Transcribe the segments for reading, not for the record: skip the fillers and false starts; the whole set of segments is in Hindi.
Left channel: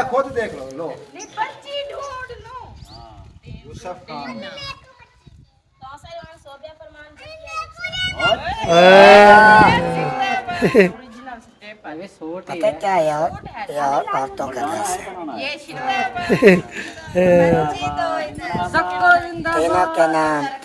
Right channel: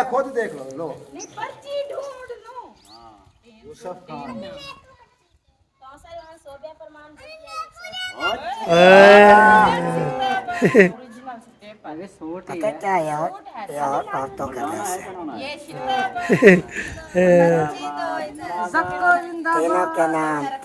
या खुद देख लो लो नहीं पर्ची ढूंढ लो यूसुफ खान ओरिजिनल स्टेप है पता क्या यार यार औरतों का दस है ये शिल्प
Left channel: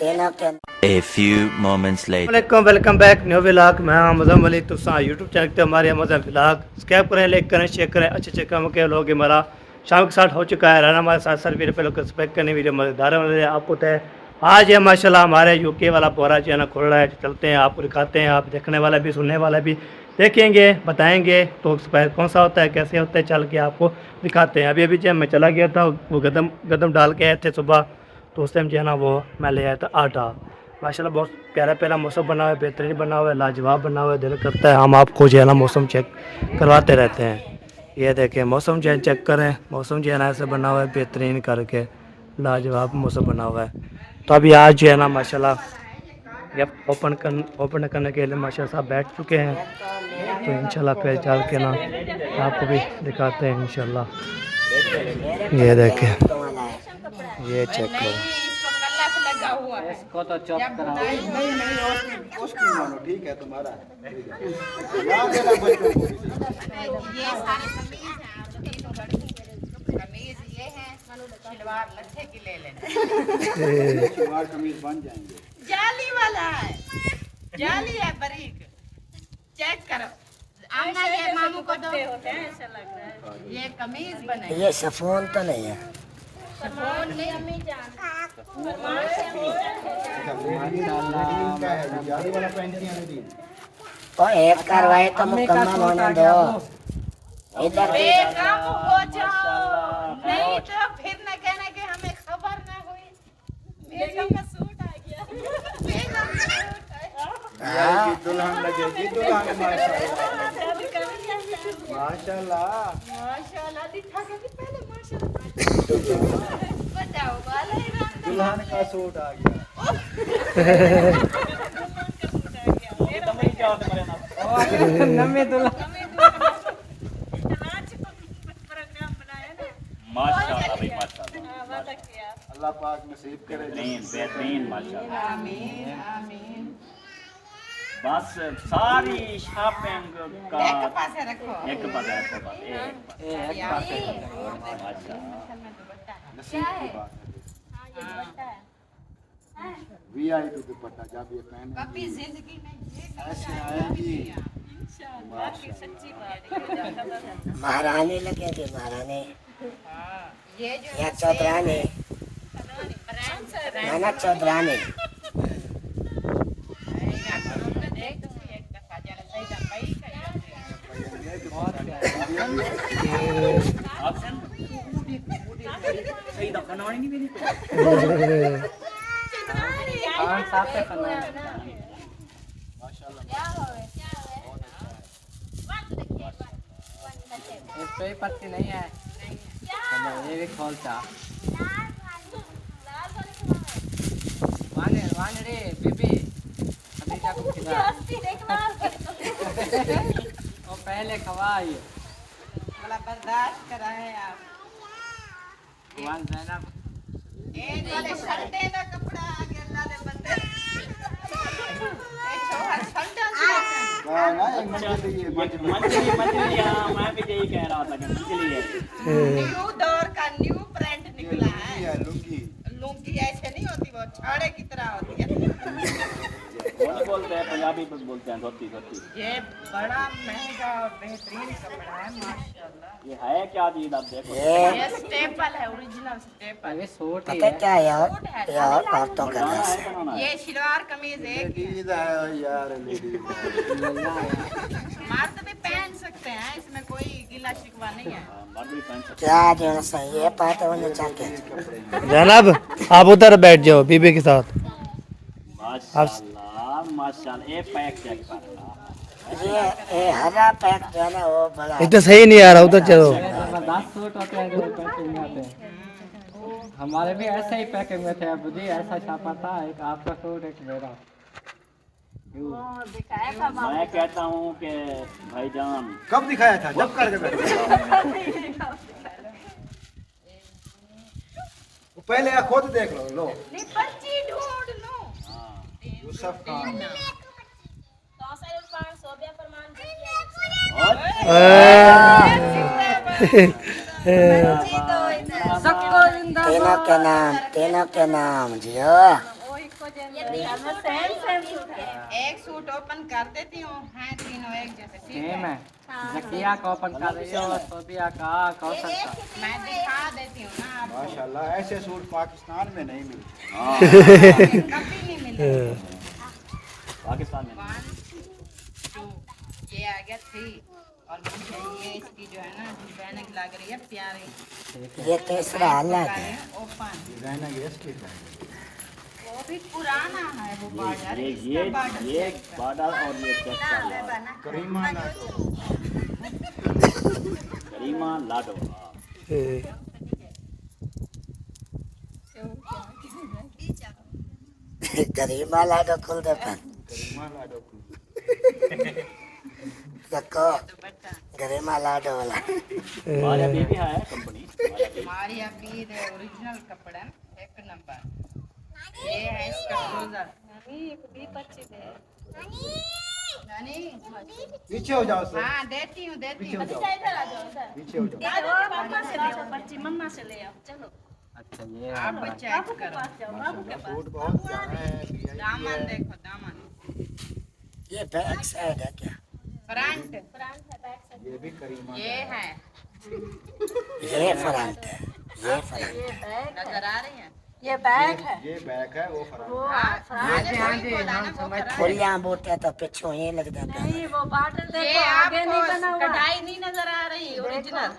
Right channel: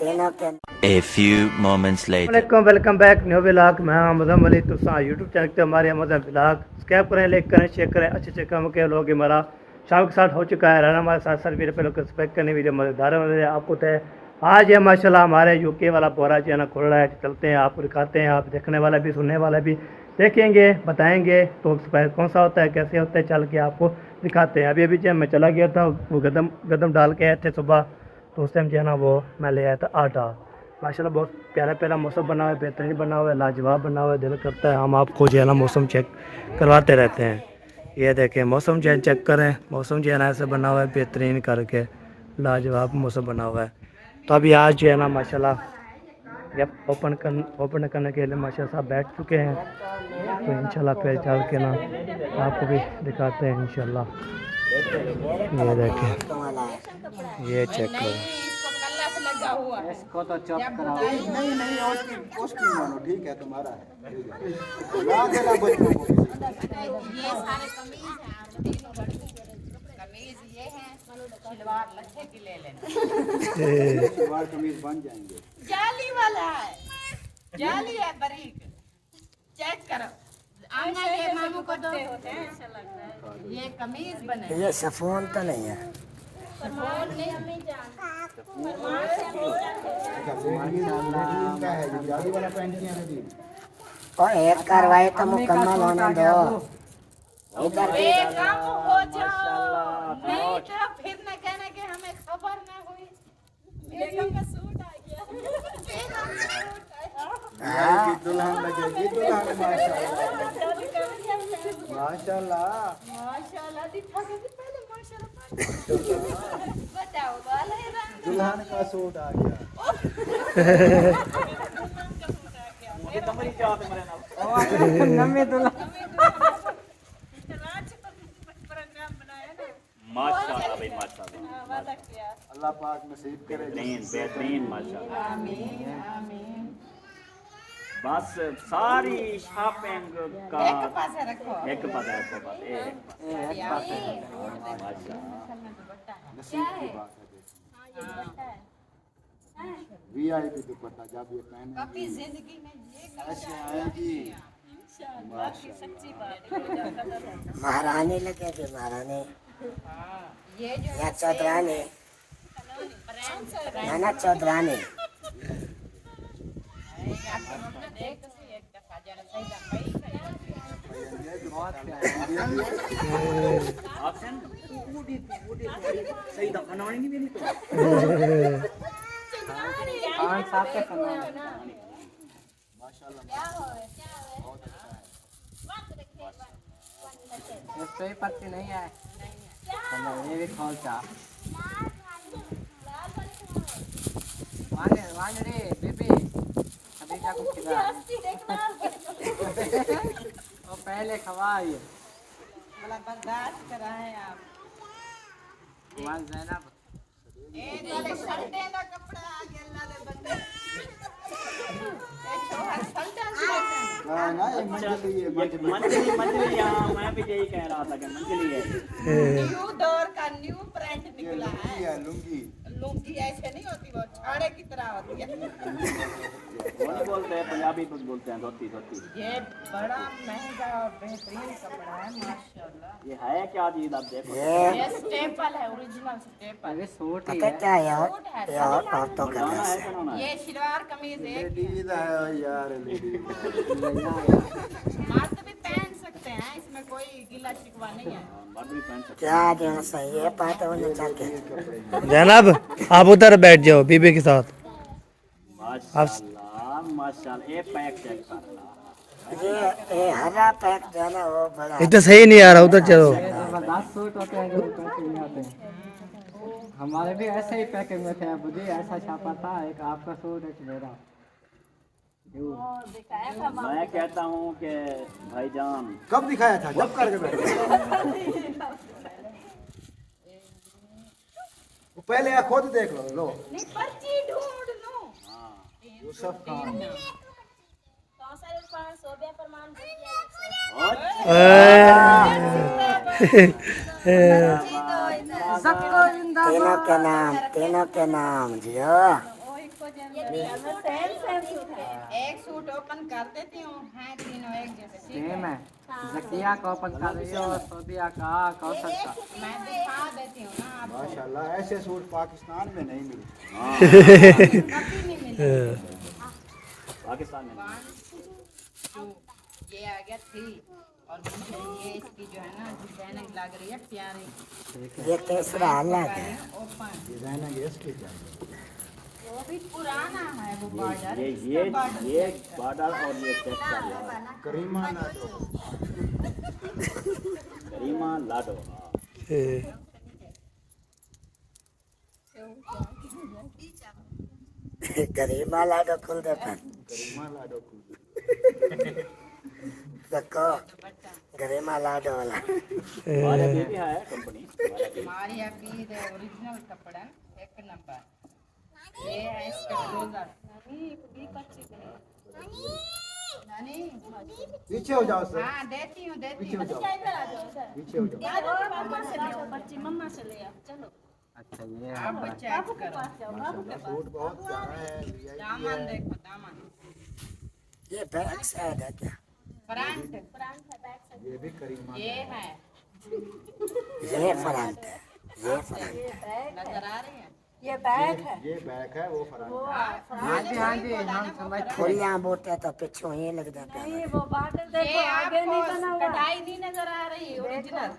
तीनों के A few moments later. Welcome back new vlog. मैं अमजम अली तुसा यूट्यूब चैनल पे हमारे अमजम व्लॉग सब्सक्राइब करें, लाइक करें, शेयर करें। अच्छे काम के लोग हमारा शाम के साथ हो चुका है। रहना हमारे साथ वीडियो पे लोग सब्सक्राइब करने वीडियो मज़ेदार आपको है। आज है माशाल्लाह हमारे यूके वाला बोरा जो है ना खुल रहा है। चलते हैं आपको दिखाते हैं, आप देखने वाला भी सुनने वाला भी देखेंगे, बताएंगे तो कौन सा होता है, कैसे होता है, चल के आपको दिखाते हैं। अभी जो मैं चला गया था वो गदम डाल के आए थे सुबह, तो उस टाइम जो है ना वो मैं ले आया था आटा। माशाल्लाह बहुत प्यारा मौसम बना हुआ है, बेहतरीन बना हुआ है, लाजवाब बना हुआ है। दिल करता है हम आपको जो है ना मौसम चेक करवाते रहते हैं। ये देखें मौसम जो है चेक करें, मौसम जो है ना ऐसे बना हुआ है बेहतरीन करके, लाजवाब मौसम बना हुआ है। तो अभी आज जो है ना माशाल्लाह जब ओपन करने के लिए माशाल्लाह साहब बैठ चुके हैं। तो इंशाल्लाह फिर चल के ना आपको भी दिखाते हैं इंशाल्लाह। ये देखें, ये चेक करो, लगा हुआ है इसको तो चौक नहीं उसकी मानो ठीक है तुम्हारा ये सारे कमीज हैं आप तीनों कमीज ये हैं सलवार लट्ठे की ले लेना सलवार कमीज बन जाएंगे। जाली वाला है, जाली है बारीक, चेक करो। आमना ये मामू को दो, ये कमीज बने। ये सफोन तो नहीं है, सफोन नहीं अम्मी जान जाली वाला पहन के आने दी तो एक कार्रवाई तो मुकम्मल होने दो। इधर बेगम हो जाओ, नहीं तो फिर न कहने के हमें खबर न हुई। बेगम का सूट आ गया, बेगम का सूट आया। दुल्हन लगेगी, दुल्हन माशाल्लाह माशाल्लाह दिखा के भी पहले माशाल्लाह बताओ वाला ही रंग दुल्हन का सूट आ गया। मेरा भाई क्या होता है नमी दुल्हन प्रोग्राम बनाया ना माशाल्लाह भाई माशाल्लाह, वादा किया। अल्लाह पाक नसीब करे। बेहतरीन माशाल्लाह। आमीन आमीन। बस सारी शॉपिंग का एक पासे रखो, एक पता है तो सारी आपसे छोड़ दे। माशाल्लाह दुपट्टा है, नसीब की बात हां ये दुपट्टा है। है। वीआईपी दुपट्टा जब ये पहने कभी जिंदगी में ये ऐसे आएगी इंशाल्लाह की सच्ची बात है। महारानी लगे थे, महारानी ये जो या चौधरानी, नाना चौधरानी। सही दफा ना नहीं मेरी इस पे पत्ती नहीं है, ये भी खोल चा वाने बीबी अभी क्या कुछ खिला और पहले खवाई बड़ा बर्दाश्त कराए आप। मान ज़ैनब एक वाले शर्टे ना कपड़ा आ गया अल्लाह दे बंदे। ए छोहा शर्टा से क्या ना एक मंजिल ये मंजिल मैं भी यही कह रहा था कि इसलिए न्यू दौर का न्यू ब्रांड निकला है। लुंगी लुंगी ऐसे नहीं होती, वो छाड़े की तरह होती है। कौन बोलते हैं, पंजाबी में बोलते हैं धोती धोती। ये बड़ा महंगा और बेहतरीन कपड़ा है माशाल्लाह। ये है क्या चीज आप देखो। ये स्टेपल है, ओरिजिनल स्टेपल। अभी सूट पता क्या यार यार औरतों का दस है। ये सलवार कमीज एक ही है। लेडीज है यार लेडीज मर्द भी पहन सकते हैं, इसमें कोई गिला शिकवा नहीं है। मर्द भी पहन सकते क्या जो सही है पाते होने चाहिए। जनाब आप उधर बैठ जाओ बीबी के साथ। हैं। माशाल्लाह माशाल्लाह, एक पैक चेक कर ये हरा पैक जो है ना वो बड़ा एक तो सही नहीं आ रहा, उधर चलो। जबरदस्त सूट होते हैं जो पैकिंग में आते हैं। हमारे भी ऐसे ही पैकिंग में थे, मुझे ऐसा छापा था, एक आपका सूट एक मेरा। मैं कहता हूँ कि भाईजान कब दिखाया था जब करके बैठे पहले आप खुद देख लो लो नहीं पर्ची ढूंढ लो यूसुफ खान तेना के नाम जियो एक सूट ओपन कर देती हूँ हैं तीनों एक जैसे ठीक सेम है है जकिया को अपन कर रही हो सोबिया का कौशल का मैं दिखा देती हूँ ना आपको माशाल्लाह ऐसे सूट पाकिस्तान में नहीं मिलते कभी नहीं मिले पाकिस्तान में 1 2 ये आ गया 3 और मुझे ये इसकी जो है ना डिजाइनिंग लग रही है प्यारी ये तीसरा अलग है ओपन डिजाइनर ये इसकी है। वो भी पुराना है वो बॉर्डर ये इसका बॉर्डर ये बॉर्डर और ये चेक करीमा लाडो करीमा लाडो गरीबा लाडो खुल दे पर करीमा लाडो की देखो दुपट्टा गरीबा लाडो वाला हमारे भी है कंपनी हमारी अभी ओरिजिनल कपड़ा एक नंबर ये है इसका ट्राउजर नानी पीछे हो जाओ सर हाँ देती हूँ पीछे हो जाओ पीछे हो जाओ अच्छा ये आप चेक करो सूट बहुत प्यारा है दामन देखो दामन ये बैक साइड है क्या फ्रंट ये भी करीमा ये है ये फ्रंट है ये फ्रंट नजर आ रही है ये बैक है वो फराक मैंने वही बोला ना वो फ्रंट फुलियां बूटे तो पिछू ही लग जाता है ये आपको कढ़ाई नहीं नजर आ रही ओरिजिनल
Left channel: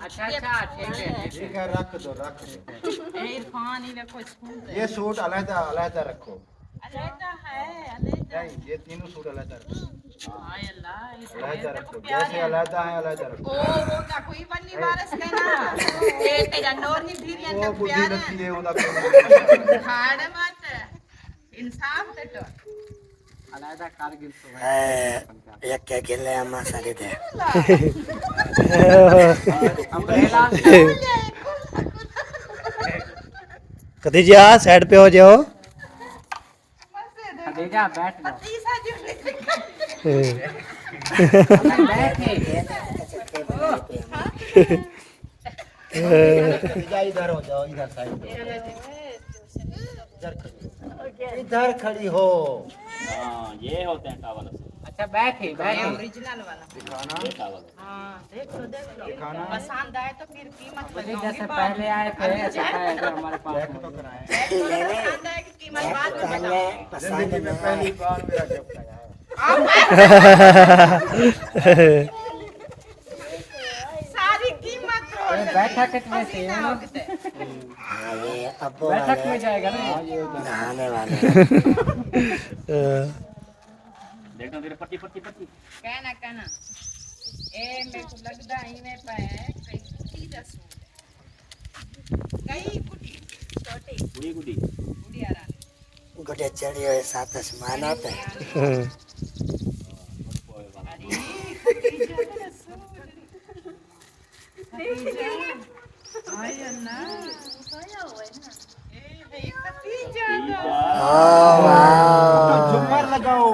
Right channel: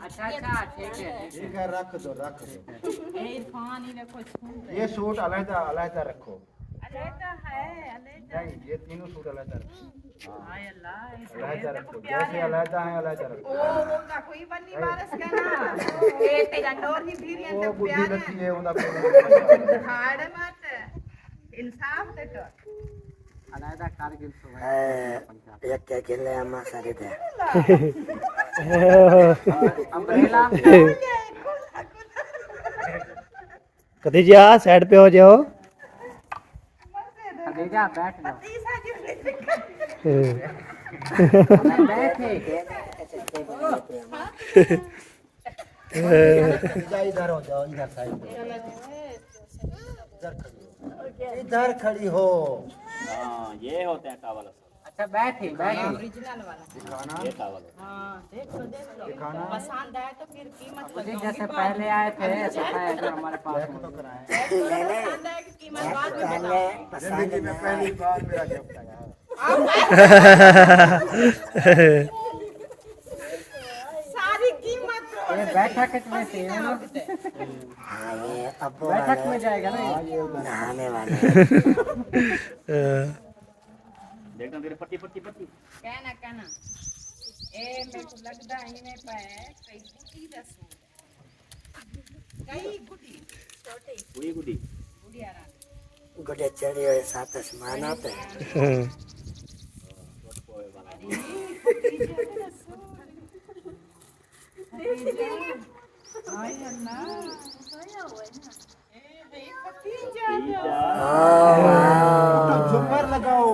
अच्छा अच्छा ठीक है ठीक है रख दो इरफान ही देखो इसको ये सूट अलग अलग रखो अलग है अलग नहीं ये तीनों सूट अलग रखो हाय अल्लाह इस अलग देखो रखो प्यारे जैसे अलग है अलग रखो ओ वो कोई बन्नी वारस कहना ये तेरा नोर ही फिर वो तक बुद्धि प्यारे लगती है उनका खाड़ मत इंसाफ दे तो अलग कारगिल से एक के गिले अम्मा सारी दे अम्ब्रेला खदीजा साइड पे हो जाओ खदीजा बैठ जाओ तीसरा जो बैठे इधर हो जाओ इधर साइड इधर खड़ी हो हाँ ये होते हैं टावल अच्छा बैठे बैठे ओरिजिनल वाला ये टावल हाँ देख लो पसंद आए तो फिर कीमत बताऊंगी जैसे पहले आए थे ऐसे पहले हमारे पास तो कराएं पसंद आए कि कीमत बाद में बताऊंगी जिंदगी में पहली बार मेरा गिफ्ट आया सारी कीमत बैठक कितने से हाँ ये अब्बू बैठक में जाएगा ना नहाने वाले देखना तेरे पट्टी पट्टी पट्टी कहना ए मेरे को लगता है इनमें पे है कई कुटी दा सूट कई कुटी छोटी गुड़ी गुड़ी गुड़िया रानी गुड़े चढ़ी हुए साथ आसमान पे अरे खतीजा तेरा सूट खतीजा हाय अल्लाह ए भाई खतीजा झुमर लगाओ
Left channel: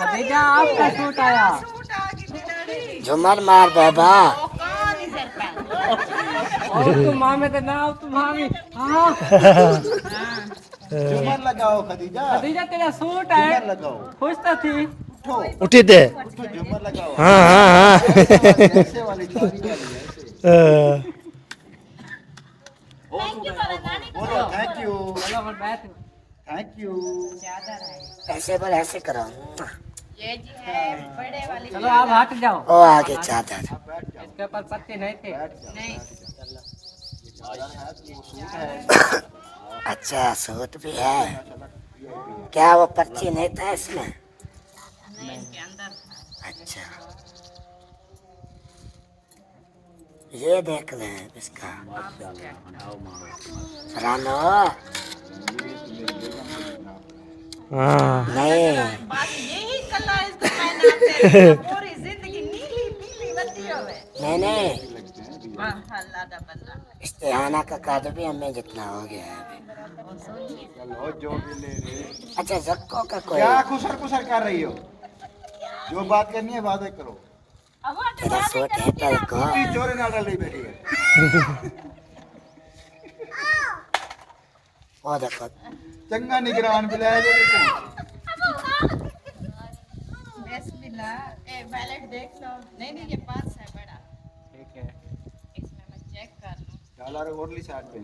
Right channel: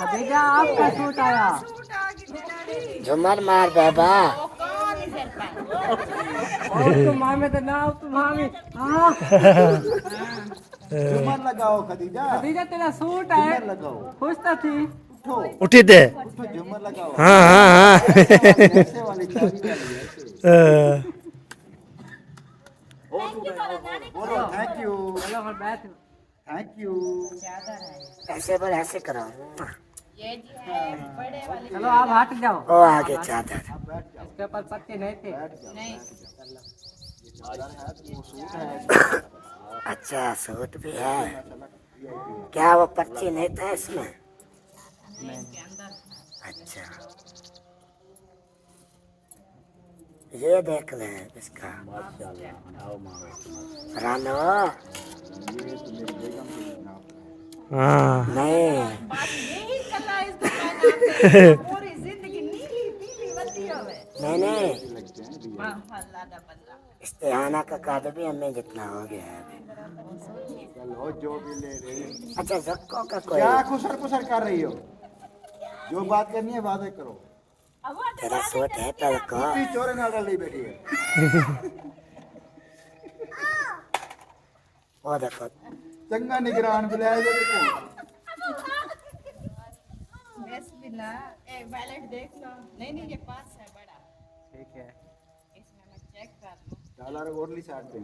खदीजा आपका सूट आया सूट आ गई बेचारी झुमर मार बाबा ओ कौन इधर पे तू मामे तो ना तू मामे हाँ झुमर लगाओ खदीजा खदीजा तेरा सूट है झुमर लगाओ खुश तो थी उठी दे झुमर लगाओ हाँ हाँ हाँ ऐसे वाली शादी करिए बोलो थैंक यू चलो हम बैठ थैंक यू चादर है ऐसे पर ऐसे करो ये जी है बड़े वाली चलो आप हट जाओ ओ आगे चादर इसके ऊपर पत्ते नहीं थे नहीं अच्छा सूट भी है क्या वो पर्ची नहीं था इसमें नहीं इसके अंदर था अच्छा ये देख ले इसका आप चेक रानो हाँ नहीं बस यही कला इसको पहनाते हैं पूरी जिंदगी नीली पीली बत्ती होवे नहीं वाह अल्लाह दा बंदा इस्तेहाना का काद भी हमें जितना हो गया है अभी। चलो जो भी ले रहे। अच्छा जक्को का कोई क्या कुसर कुसर कर रही हो? जो बात करनी है वादे करो। तेरा सूट है पर को कुत्ती चोरी ना डाली बैठी है। वो देखो चंगा निगरान बुलाया जाए तो। बिस्मिल्लाह ए वैलेट देख लो नहीं नहीं ये पर्स है बड़ा ठीक है इसमें मैं चेक कर लूं डॉलर ओरली साइड पे।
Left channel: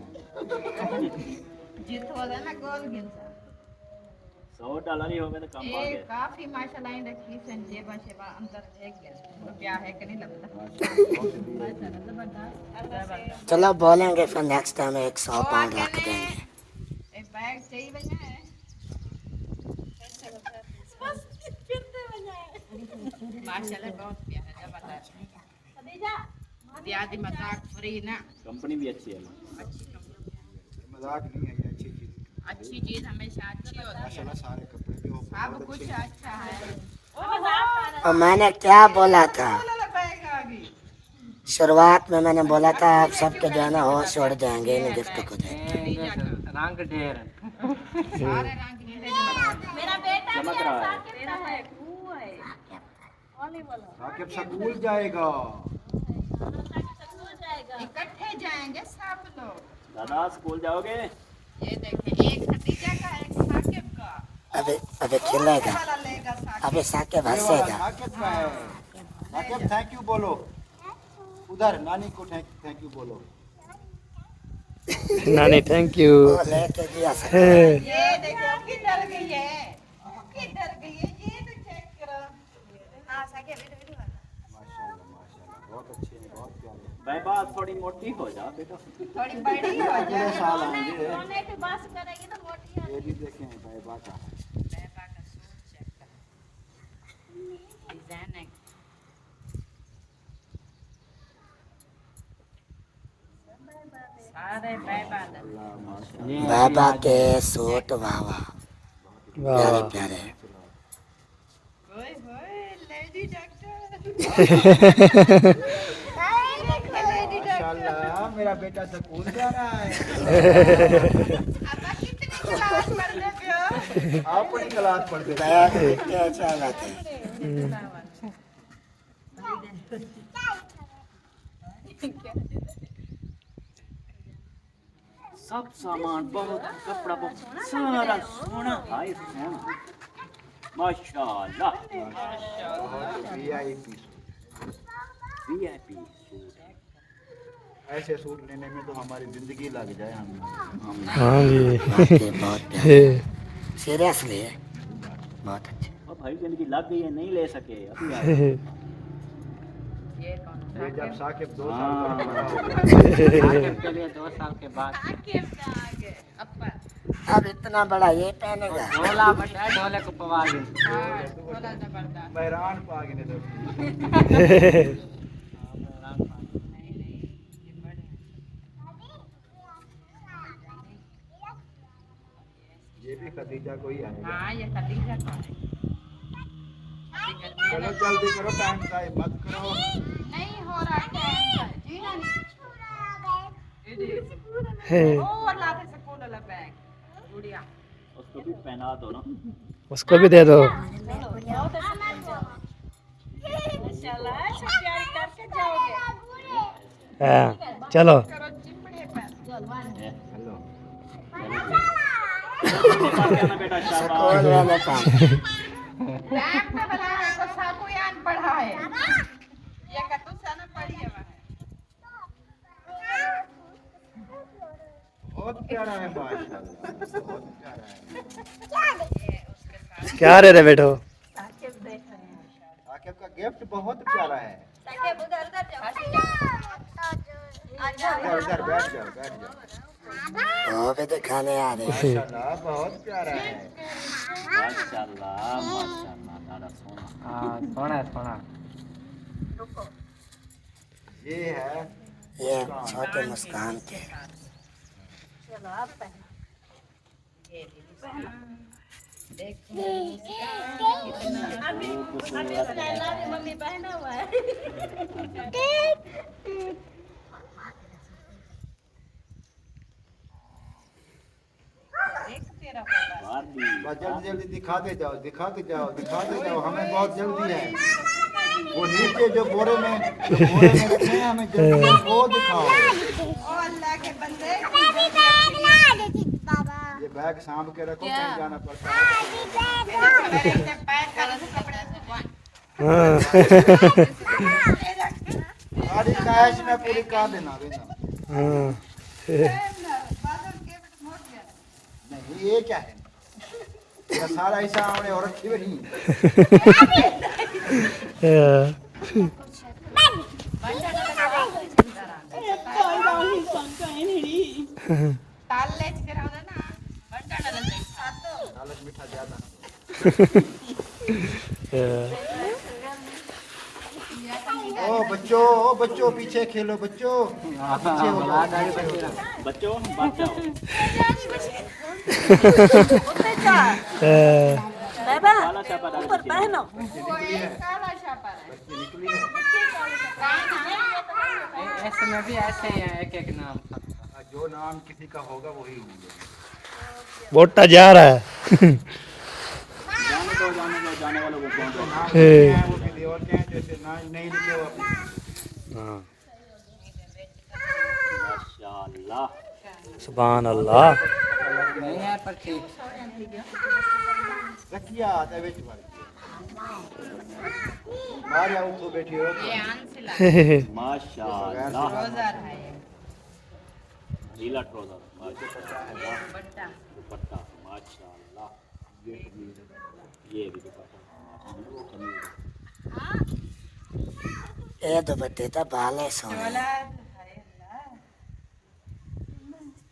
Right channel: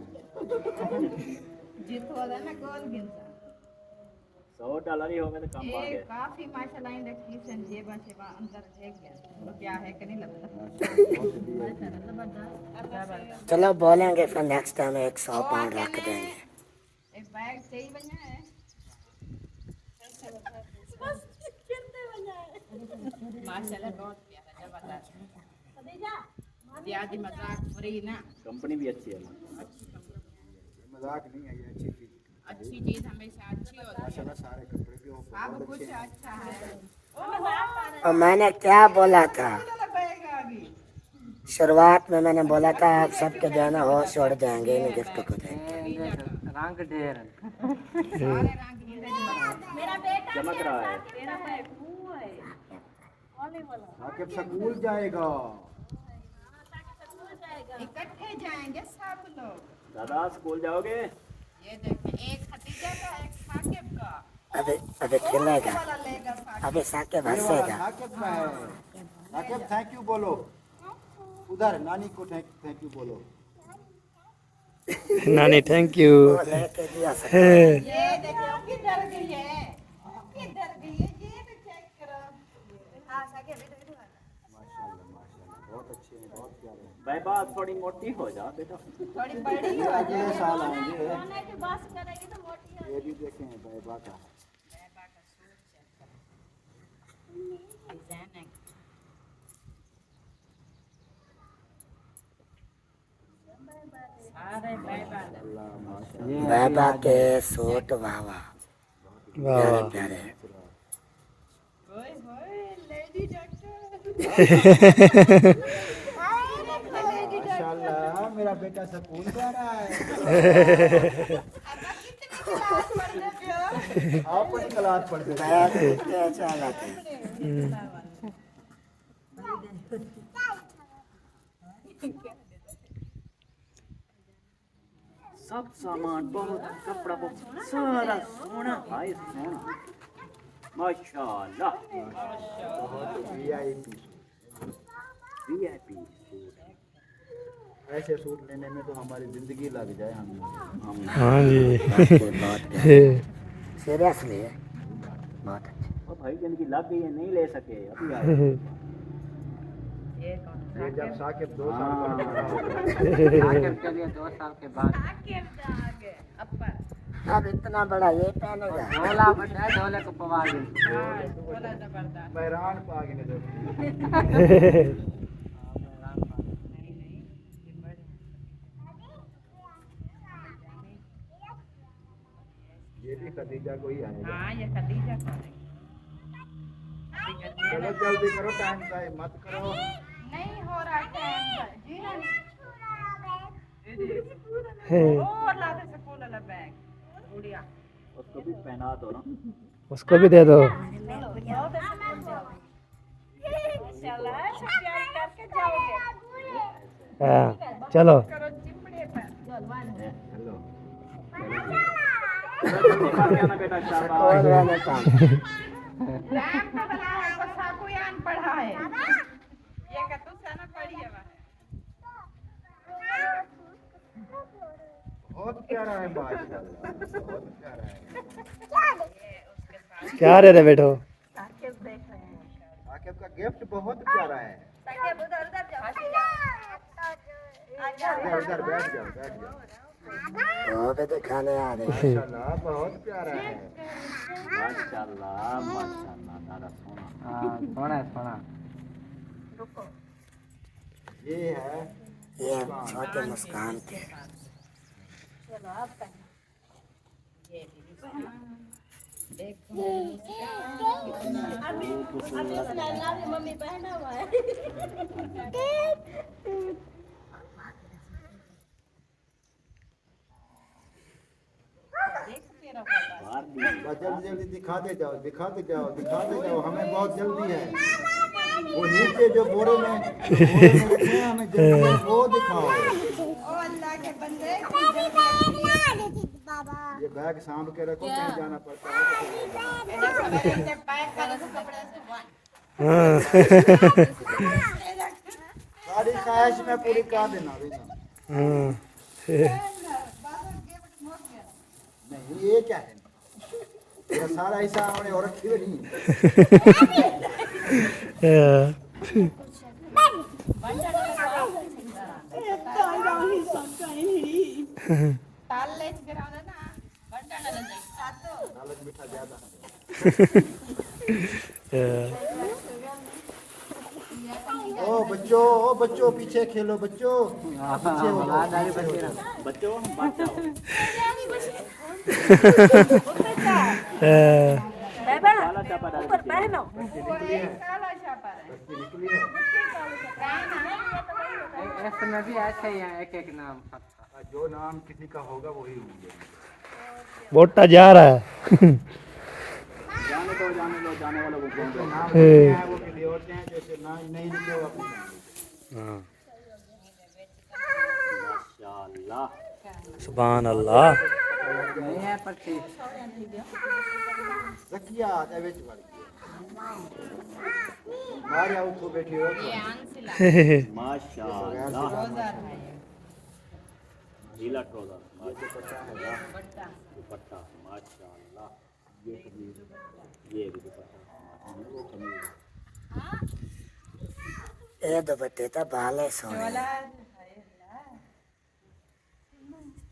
जीत हो गया ना गोल गिनसा $100 ही होगा तो कम हो ये गया। काफी माशाल्लाह इन देखी सन जेबा शेबा अंदर देख गया रुपया है कि नहीं लगता चलो बोलेंगे फिर नेक्स्ट टाइम 100 ओ पाउंड रख आके देंगे। ए बैग चाहिए बना है माशाल्लाह बहुत प्यारा जबरदस्त प्याजी मजाक फ्री ना कंपनी भी अच्छी है। अच्छी कंपनी मजाक नहीं है, ये अच्छी चीज। अच्छी चीज हमेशा अच्छी होती है माशाल्लाह सारे कपड़े भी हो सब कुछ अच्छा है और मैंने क्या बोला था बैग आ गई शुरुआत में मैंने बोला था आप सबके जो है ना होश उड़ जाएंगे इन गिफ्ट को देख के। रंग ढेर सारे रंग नीले मेरा बेटा चमक रहा है। साकिब स्कूल जाएगा। इकट्ठे जाएंगे सब लोग दादा स्कूल जाओगे? ये देखिए एक खदीजा का एक साकिब का अबे खिलेगा वाला लेगा साकिब अबे साके ये वाला हंसेगा। साकिब का है। साकिब थैंक यू बोलो। उधर नानी को थैंक यू बोलो। नानी थैंक यू। वो लेके गया सब। ये देखो किधर गई है किधर गई है ये तो चेक करो हां साकिब माशाल्लाह माशाल्लाह बहुत अच्छे हैं, बहुत प्यारे। बैबाद थोड़ी मोटी हो जा बेटा। थोड़ी बड़ी हो अगले जाए साल आएंगे। सोने की बस करेगी तो मोटी हो ये भी देखें बैबा का। बैबा का सूट चेक करो डिजाइन है सारे बैबा दा बाबा के सूट वाह वाह वाह प्यारे वाह। प्यारे। ओए होए लेडी डॉक्टर लेडी माशाल्लाह मेरा बेटा स्कूल जा रहा है। अब कितनी क्लास पढ़ रहे हो आप अपनी क्लास पढ़ दो। क्या अच्छा बात है। सब सामान बहुत कपड़ा बहुत सारा सोना भाई सोना माशाल्लाह वीआईपी वीआईपी ऐसे सूट लेने में तो हमारी जिंदगी लग जाए हमें। हाँ जी वाकई बहुत प्यारे सीरियसली है बहुत अच्छे। और भाई जिनकी लग गई है नहीं ले सके अभी आए। ये कौन ये जब साकिब 2 साल का हाँ। होगा। के लिए 2 साल के बाद साकिब दा आगे अप्पा अब इतना बड़ा ये पहनेगा। ढोला बटा ढोले को पवा दी हां बोला जबरदस्त बहरान को आगे नहीं दो। नहीं नहीं ये बड़े हैं ये भी खदीजा को ही आएगा। हाँ ये खदीजा कौन है अभी गर्मियाँ चलो ना- जल्दी करो टाइम का मत करो। नहीं हो रहा टाइम जी नहीं और लाते स्कूल वाला बैग गुड़िया उसको भी पहना दो ना। उसको भी दे दो। हाँ चलो करो चिपड़े पर हेलो बेटा शाबाश। और मैंने कहा, टाइम पे बनाया तो साकुयान पढ़ा है ये का तू sana पढ़ी है वहाँ बहुत प्यारा है माशाल्लाह बहुत प्यारा है। ये उसके साथ क्या रे रे बैठो। साकिब देख रहे हैं साकिब का गिफ्ट बहुत प्यारा है। साकिब उधर उधर जाओ इधर बैठ जाओ बैठ जाओ। वो भी दिखाने आ रहे हैं। माशाल्लाह बहुत प्यारा है। माशाल्लाह माशाल्लाह दादा सोना। हाँ सोना सोना ये है ये छोटे मुस्कान के चलो आप पहनो ये भी मुस्कान देखो मुस्कान कितना अभी मम्मी पहना हुआ है तेरा होगा। बस जल्दी जल्दी दिखाते जाओ दिखाते जाओ हमें बहुत जल्दी है। वो नीचे जो बोरे में रखे हैं हमें जल्दी वो दिखाओ। ओ अल्लाह के बंदे ये बैग सांभ के रखो कहीं जाना पड़ता है। ऐसे पैक कर दो कपड़े से। हाँ सारी कैश में पूरी का देना हाँ नहीं ये क्या है ये सारा ऐसा हमने औरत थी नहीं ताल ले फिराव ना बंटाडा ले लालच मीठा ज्यादा ओ बच्चों पीछे खेलो बच्चों पीछे हो जाओ बच्चों बात जाओ ऊपर पहनो वो एक काला छापा है इसमें भी ऐसे ही है एक एक नाम। जो नाम किसी का होगा वही मिलेगा। बोटा जा रहा है जाने वालों को कौन नाम है वो किसी और के हैं जैसे ना नहीं लिखे हो हाँ माशाल्लाह। सुभान अल्लाह नहीं है पर ठीक। रखिया आते बेच मारे उठो बैठी हो ये आंसला माशाल्लाह। रोजर है ये ढीला ट्राउजर ये दुपट्टा दुपट्टा माशाल्लाह। ये भी दुपट्टा ये दुपट्टे तो बाले सोने डॉलर हाय अल्लाह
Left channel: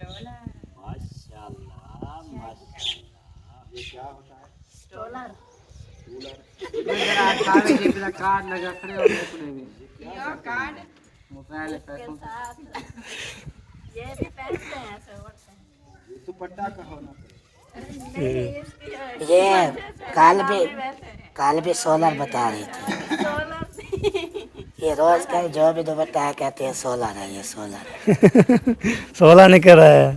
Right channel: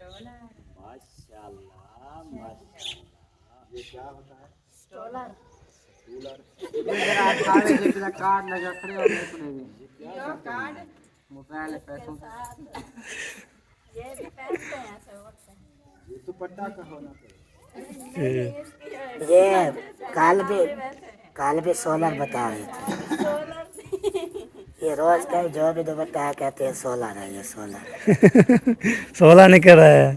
डॉलर माशाल्लाह माशाल्लाह। ये क्या होता है स्टोलर सारे जितना कार्ड लगा खड़े और निकले भी यो कार्ड मोबाइल पैसों ये भी पहनते हैं ऐसे ओढ़ते हैं ये दुपट्टा का होना चाहिए। ये काल भी सोलर बता रहे थे ये रोज का जो भी दुपट्टा है कहते हैं सोलर है ये सोलर 16 नहीं कर रहा है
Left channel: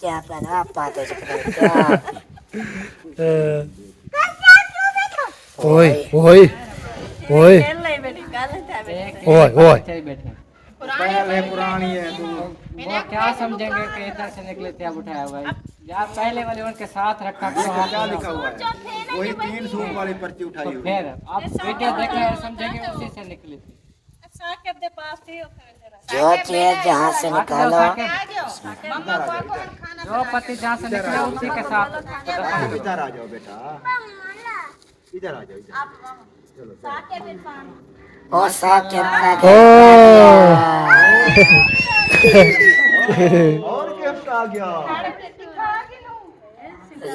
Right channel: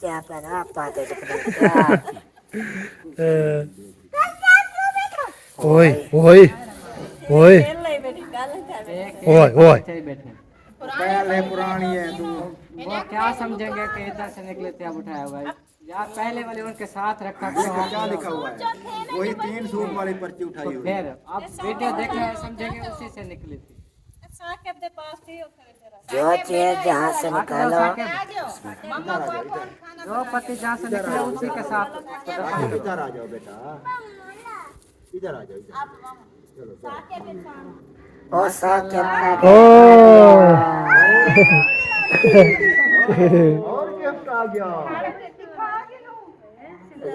क्या पहना पाते ओए ओए ओए खेल ले बेटी गाल था बेटी ओए ओए चाहिए बैठे। पहले पुरानी है तू वो क्या समझेंगे कि इधर से निकले थे अब उठाया भाई यार पहले वाले उनके साथ रखा करो हम क्या लिखा हुआ है वही 3 सूट वाली पर्ची उठाई तो हुई फिर आप वीडियो देख रहे हैं समझेंगे उसी से निकली थी। साकेब दे पास थी और फिर तेरा जो चीज जहाँ से निकालो आ जाओ मम्मा को कौन खाना जो पति जहाँ से निकला उसी के साथ इधर आ जाओ बेटा इधर आ जाओ इधर साकेब दे पास ओ साहब के ओ और गिफ्ट आ गया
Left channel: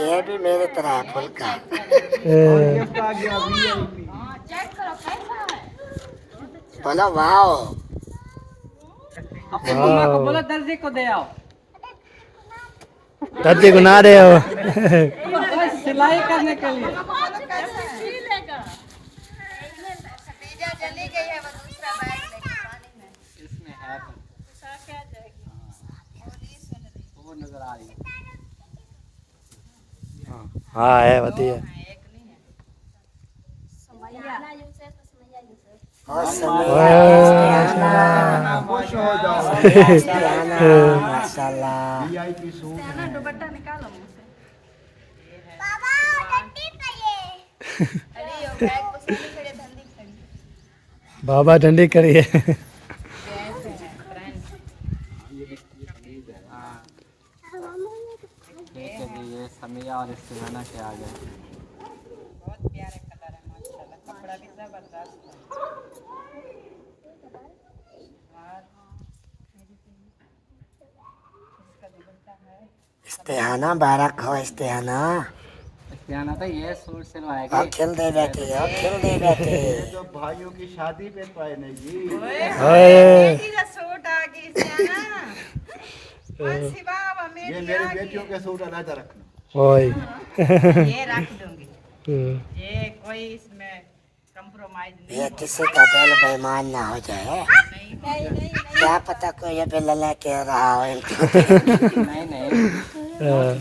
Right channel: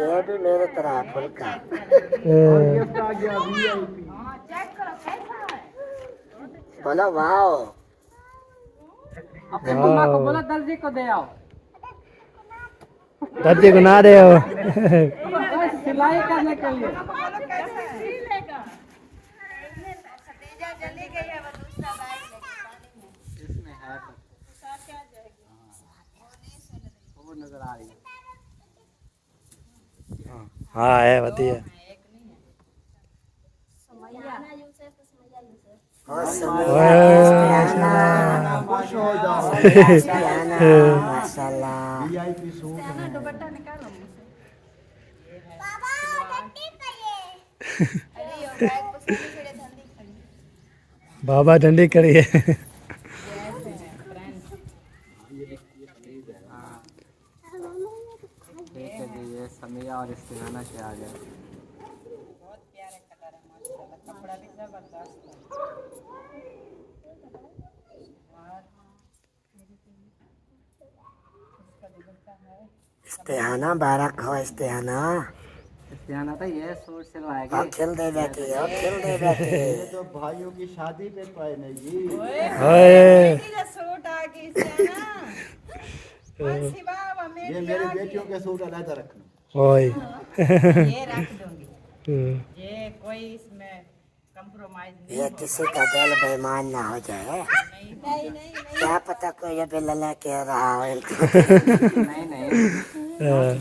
ये भी मेरे तरह फुल का गिफ्ट आ गया वीआईपी चेक करो कैसा है बोलो वाओ अम्मा को बोलो दर्जी को दे आओ दादी को ना दे हो सिलाई करने के लिए। बोलो कैसा है लेगा सतीजा चली गई है वो दूसरा बैग लेके पानी में इसमें है साकेब आ जाएगी वो नजर आ रही है। हाँ है बढ़िया एक नहीं है समैया ना यूसुफ तो समैया यूसुफ और समय खुश हो जाओ माशाल्लाह वीआईपी सूट ना दुपट्टा निकालो मुझसे अरे यो बैग को सारी खड़े धंधी खड़ी बाबा डंडी करिए जैसे है फ्रेंड ये समिया और इससे बना के आ गया। बहुत प्यारे कलर है माशाल्लाह कपड़ा भी जबरदस्त है और इसका दुपट्टा है इस्तेहाना बारक हो इस्तेहाना इस्तेहाना तो ये सूट सिलवाएगी। और खिल दे बैठी हो खिल दे बैठी ये तो भाइयों की शादी पे पहने जी ओए मेरी का सूट आ गई इससे ना बस बाबा ये मेरी मेरी आ बेटियों गई के सूट अलग रखना ओए ये रख दूंगी ये कोई इसमें कंप्रोमाइज नहीं ये होगा किसी का दिल बेईमान ना हो जाए नहीं क्या पता कोई अभी लला कह रहा हो नहीं नहीं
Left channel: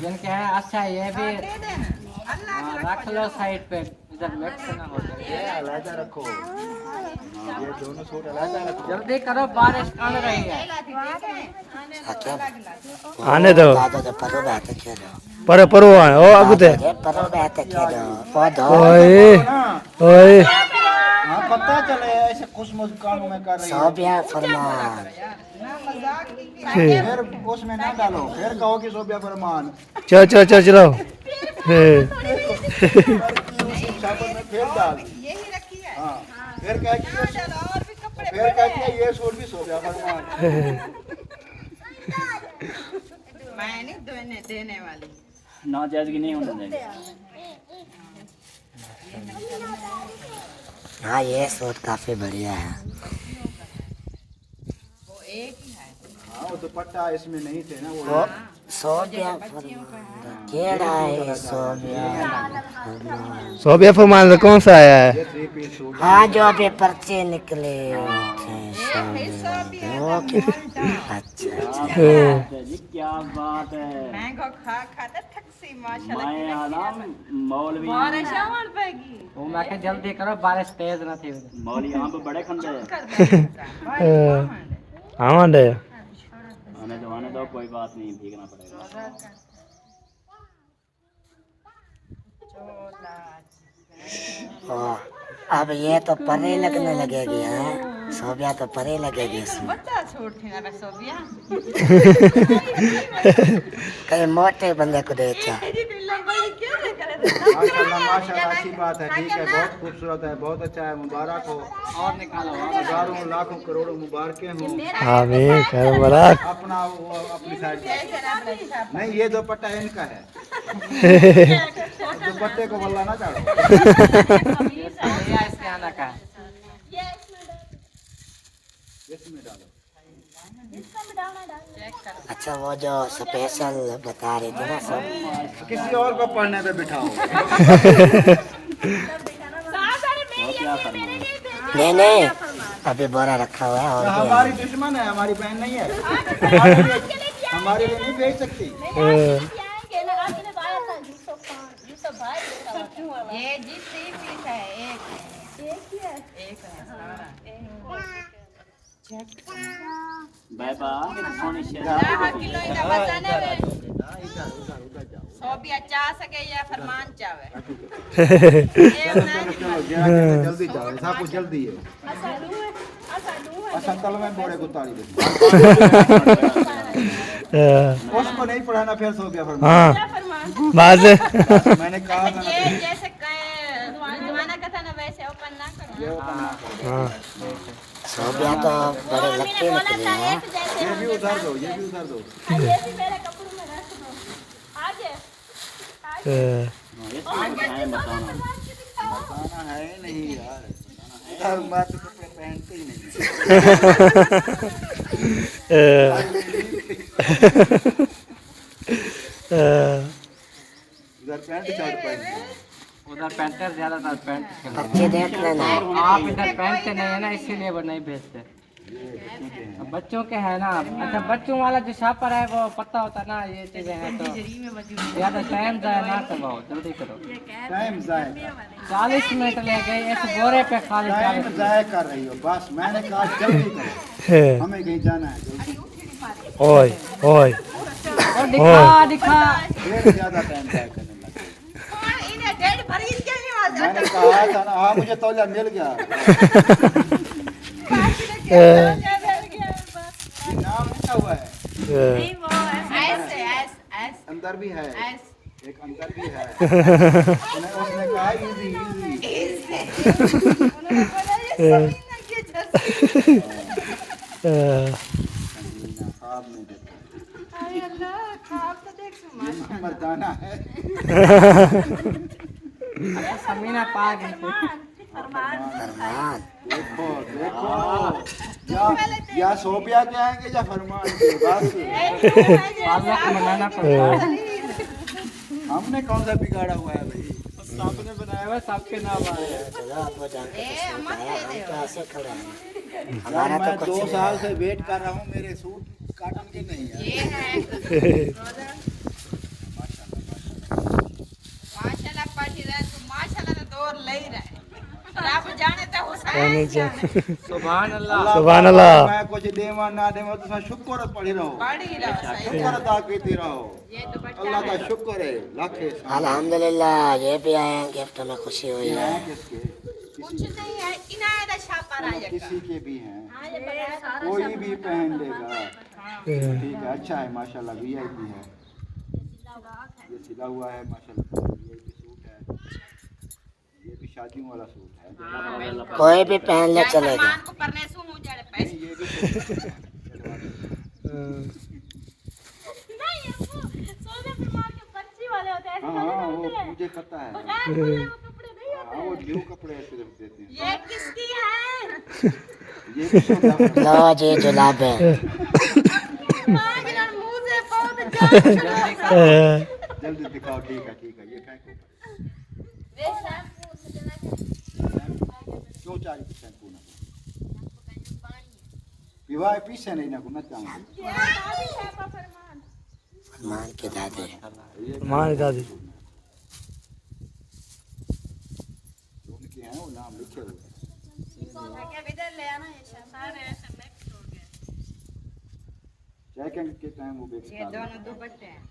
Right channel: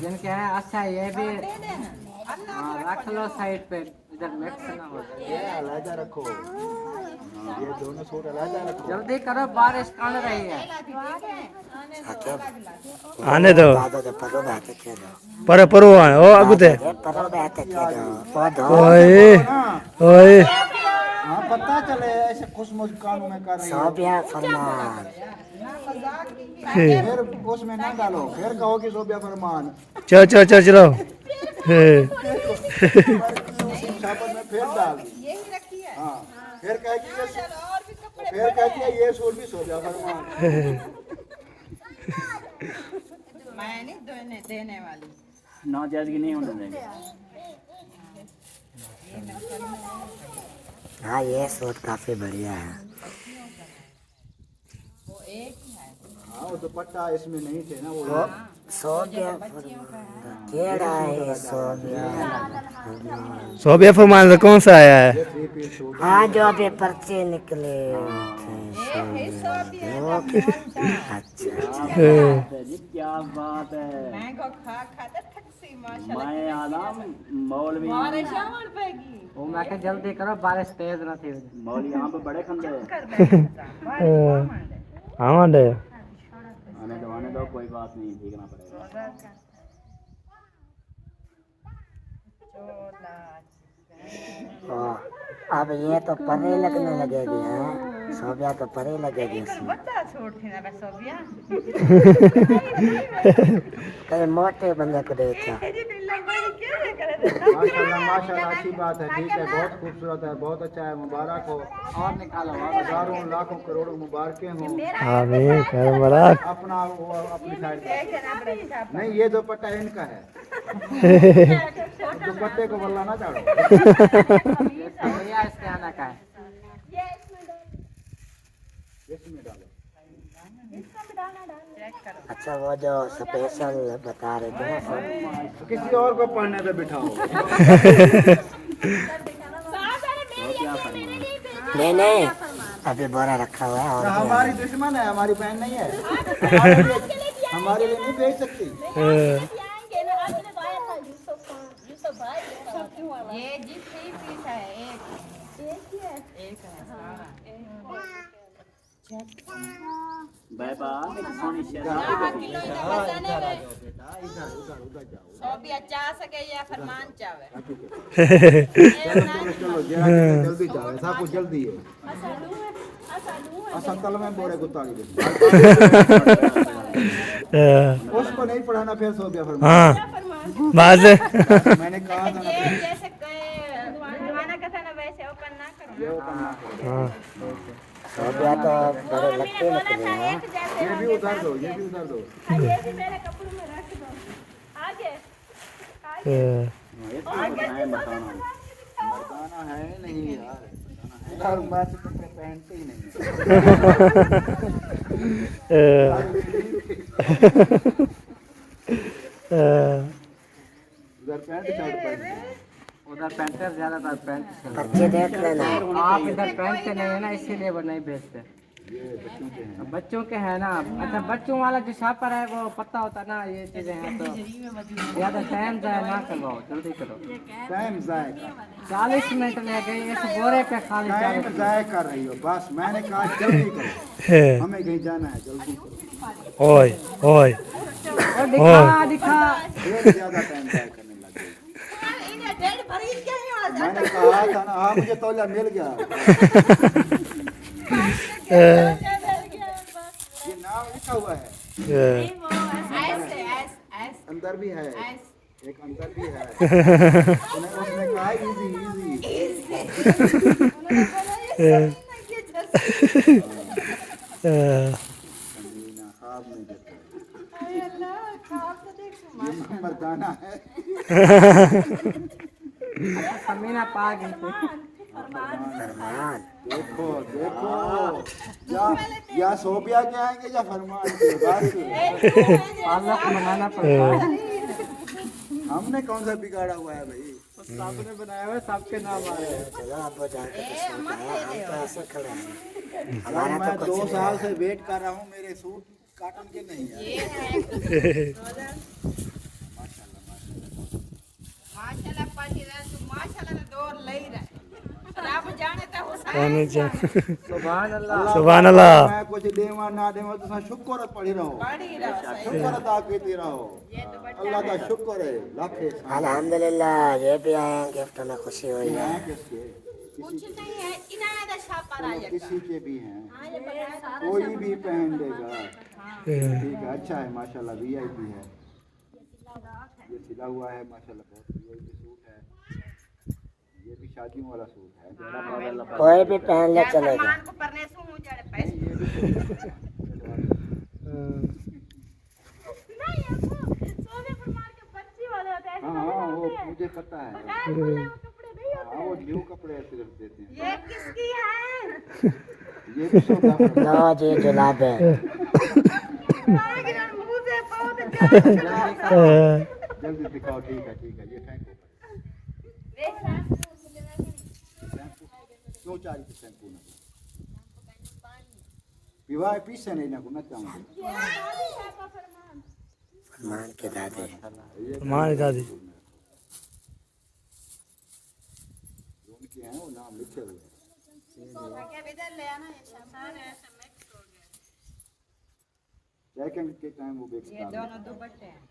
जिनके है अच्छा ये भी दे देना अल्लाह हाँ, रख लो साइड पे इधर मिक्स ना हो जाए अलग रखो, ये दोनों सूट अलग रखो। जल्दी करो बारिश कम रही है आने दो तो परो बात कह रहा पर परो ओ अगते ये परो बात कह रहा पौधो ओए ओए हाँ पता चले ऐसे खुश मुस्कान में कर रही हो। सोबिया फरमान फिर उसमें ना डालो, फिर कहो कि सोबिया फरमान। चलो चलो चलो चलो साबुन में फिर डाल, यही रखी है हाँ फिर कह कि और भी कपड़े फिर कहती है ये सूट भी सोबिया फरमान। मैं नहीं देने वाली नाजायजगी नहीं होने देंगे। हाँ ये सूट काफी बढ़िया है वो एक ही है हाँ वो दुपट्टा इसमें नहीं थे ना वो। सोबिया केड़ा है सोबिया सोबिया फरमान से कौन सा आया है? ये 3 पीस सूट हाँ जो अभी पर्चे निकले थे अच्छा जी क्या बात है। मैंगो खाता थकसी माशाल्लाह मैं मौलवी बारिश आवन पैगी वो मैं के जल्दी करो बारिश तेज ना थी मौलवी यहाँ पे बड़े खंडे हैं। कर दे हाँ मांडे आने दो कोई बात नहीं, भीगना पड़ेगा। अब ये तो परे लगने लगेगी हाँ सोबिया तो परे लगेगी इसमें बच्चा छोड़ थी ना बस सोबिया कहीं मोटे बंदे को देता लंबाई क्या करे माशाल्लाह माशाल्लाह अच्छी बात है, ठीक है, बहुत खूबसूरत है, बहुत अच्छा है, मुबारक हो। और निकालो हजारों लाखों करोड़ों मुबारकें हो। आमीन खैर मुबारक अपना वो अपनी साइड नहीं, ये दुपट्टा इनका है, दुपट्टे को बल्ला ना चढ़ो। इसके आना का है इसमें डालो। अच्छा वो जो स्पेशल बता रहे थे ना सब किसी और को पढ़ने पे बिठाओ। नहीं नहीं अभी बोरा रखा हुआ है और हमारी दुश्मन है, हमारी बहन नहीं है, हमारे लिए नहीं भेज सकती। ये जी 3 पीस है एक एक है सारा बेटा सोनी शेर 10 किलो इना बताने में सोबिया चाह सके या फरमान चाहे जल्दी जाओ, सब कुछ जल्दी है। असंतल में बोरे को ताली दे। उसको नहीं पढ़ाना, फिर सो गया फरमान। हाँ बात मैंने कहा था ना, ये जैसे जमाना का था ना वैसे ओपन ना करो ये ओपन ना करो। हाँ सोबिया तो बड़े लगते निकले हैं ये भी उधर दो, ये भी उधर दो। बताना है ही नहीं यार, उधर बात तो पहनते ही नहीं। उधर पैंट शर्ट पहनते हैं। उधर पेंटर ज्यादातर पेंट के बच्चे देख लेना आप इधर पहनते नहीं है ना इसीलिए वो नहीं भेजते बच्चों के है ना। अच्छा बच्चों वाला जो शापर है वो पता होता ना ये चीजें हैं तो या तो टाइम जाए ना करवाओ जल्दी करो टाइम जाए 40 मिनट ले गए इस बोरे पे खाली टाइम जाया कर रही हो, बस मैंने कहा जल्दी करो, हमें कहीं जाना है जल्दी। ओए ओए दिखा दिखा ढेर ज्यादा टाइम जाया करने लगे। इन्हें डेढ़ भरी क्या ही आ मैंने कहा था ना, हाँ मुझे तौलिया मिल गया। नाम लिखा हुआ है, ऐसे अंदर भी है, ऐसे एक अंदर भी है। उसने कहा इजी मर्दाना है। समीना पा गई देखो देखो, या सोबिया के आएंगे या फरमान के, बस मनाना पड़ेगा हमने कौन सा बिगाड़ा हुआ है भाई। आपने बनाया हुआ सबके नाम आए हैं। चलो अब्बू जान को ए सूट मत आया, दे हम तो दो ऐसे खड़े हैं। यार हमारा मैं तो 2 कुछ साल से वेट कर रहा हूँ, मेरे सूट काटन के नहीं है। ये है माशाल्लाह पढ़ी रहा तू माशाल्लाह तो दौर ले ही रहा रब जाने तो हुसैन जाने सुभान अल्लाह। सुभान अल्लाह। मैं कुछ देवा ना देवा तो शुक्र पढ़ी रहो, पढ़ी रहो सही शुक्र अदा करते रहो। ये दुपट्टा अल्लाह का शुक्र है, लाखे अल्हम्दुलिल्लाह ये भी आए हैं, गिफ्ट में खुशी हुई है। किसके कुछ नहीं है इनायत छापा राजा का किसी के भी हैं, हाँ ये बनाया सारा कोई भी पहन लेगा। ठीक है, अच्छा है माशाल्लाह, वीआईपी है, ये सिला हुआ है माशाल्लाह, वीआईपी सूट है, ये भी शादियों वाला सूट है। कोई भी पहन ले जय चलेगा। फरमान को परने सु हूं जड़े पैसे ये भी नहीं है वो सोने पर मार के पंछी वाले होते हैं, ऐसे हाँ थोड़ी ना वो होते हैं। मुझे पता है। बगैर खुले वो कपड़े नहीं होते। हाँ वो न्यू कपड़े ऐसे रख देते हैं। ये किसकी है ये भी सोना लो जी जुलाब है। मांगना मुंह से बहुत जान जल्दी दिखाओ। ठीक है ये फेंको। वे शैम्पू से लेना क्यों चाहिए शैम्पू ना वीआईपी से नहीं ना गुना चाहिए। मान के दादे मान दादी उनके हैं वो नाम लिखे हुए हैं। क्या इधर ले आना ये सारे ऐसे मिक्स हो गए सेकंड के टाइम वो बेचता ये है। दोनों दुपट्टे हैं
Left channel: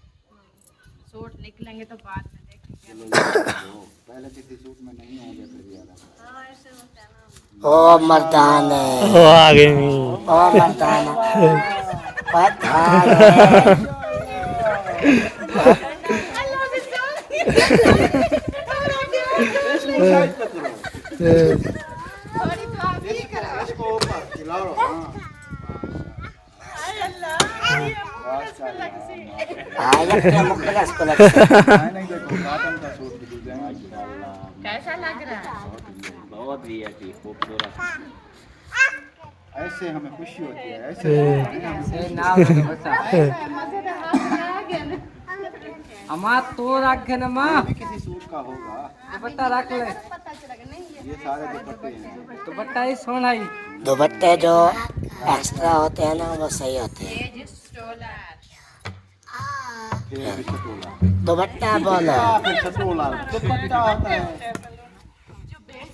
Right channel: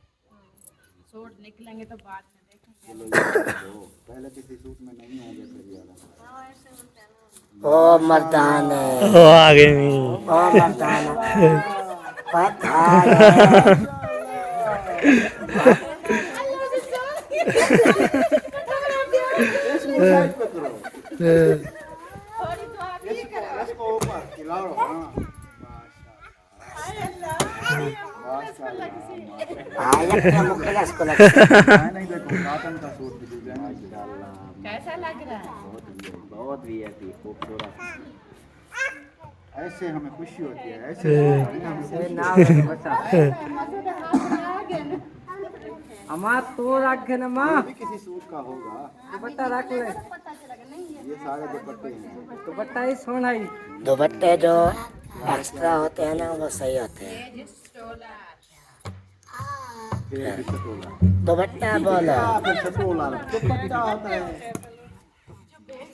सूट निकलेंगे तो बाद में देखेंगे चलो ये दो। पहले किसी सूट में नहीं होंगे फिर यार। हाँ ऐसे होते हैं ना। ओ मर्दान ओ आ गई मी। ओ मर्दान पता है। थोड़ी तो आप ही करो इसको ऊपर खिलाओ। हाँ इसको लग नहीं देखो कॉटन का सूट की डिजाइन कैसा लग रहा है बहुत वीआईपी खूबसूरत। ऐसे हमें खुशी होती है। ऐसे ये नाम अमा तो रख न माँ ये भी किसी सूट का होगा। दुपट्टा रख ले। ये सारे दुपट्टे हैं। दुपट्टा ही सोना ही। दुपट्टे जो एक्स्ट्रा होते हैं ना वो सही होते हैं। ये जो स्टोलर फिर भी छटोला। दुपट्टा बोलो। फिर छटोला दुपट्टा होता है।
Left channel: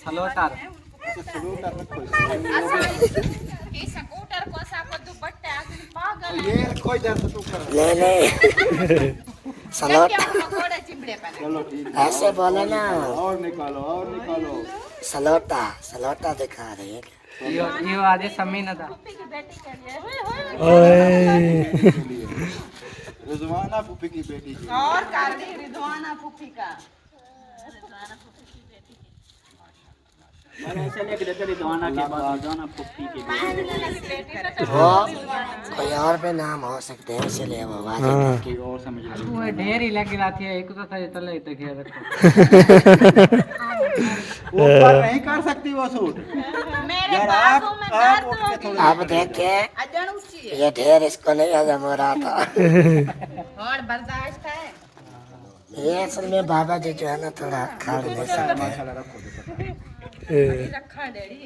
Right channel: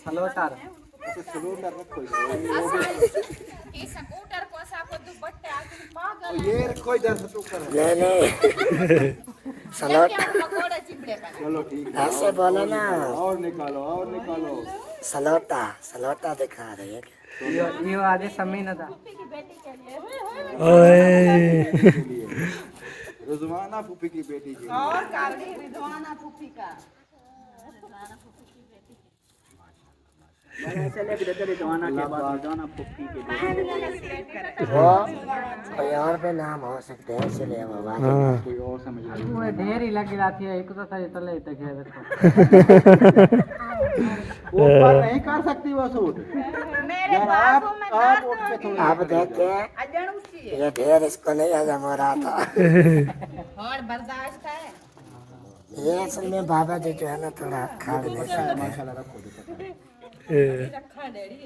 सलोटा तो सलूटर रखो। ये स्कूटर को साको दुपट्टा आखिर पागल ये कोई इधर छटोकर है। ले ले सलोट क्या पकोड़ा चिमड़े पर चलो ठीक है। ऐसे बोलो ना। और निकालो और निकालो। सलोटा सलोटा दिखा रहे हैं। ये आदि समी न था। की बेटी के लिए ओए रिजवाना फूफी की बेटी की। और कारली रिदवाना फूफी का मैंने ऐसे लेके देते रिदवाना के बाद रिदवाना पुप्पी के लिए। वो कोई और भी नाम हो सकते हैं इसलिए वो बात की और समझ लो। तुम्हें ढेर ही लगी रही थी एक तो था तले तक है ऊपर नहीं कर सकती वो सूट। मेरे बाजू में दर्द उठ के होगी थोड़ा अब देखिए अजन ऊंची है ये ढेर इसको नहीं हजम हो रहा था। और बर्दाश्त है ये असल में बाबा जी जो है ना थोड़ा खा भी नहीं सकते। माशाल्लाह रखो दुपट्टा। रखा डेडी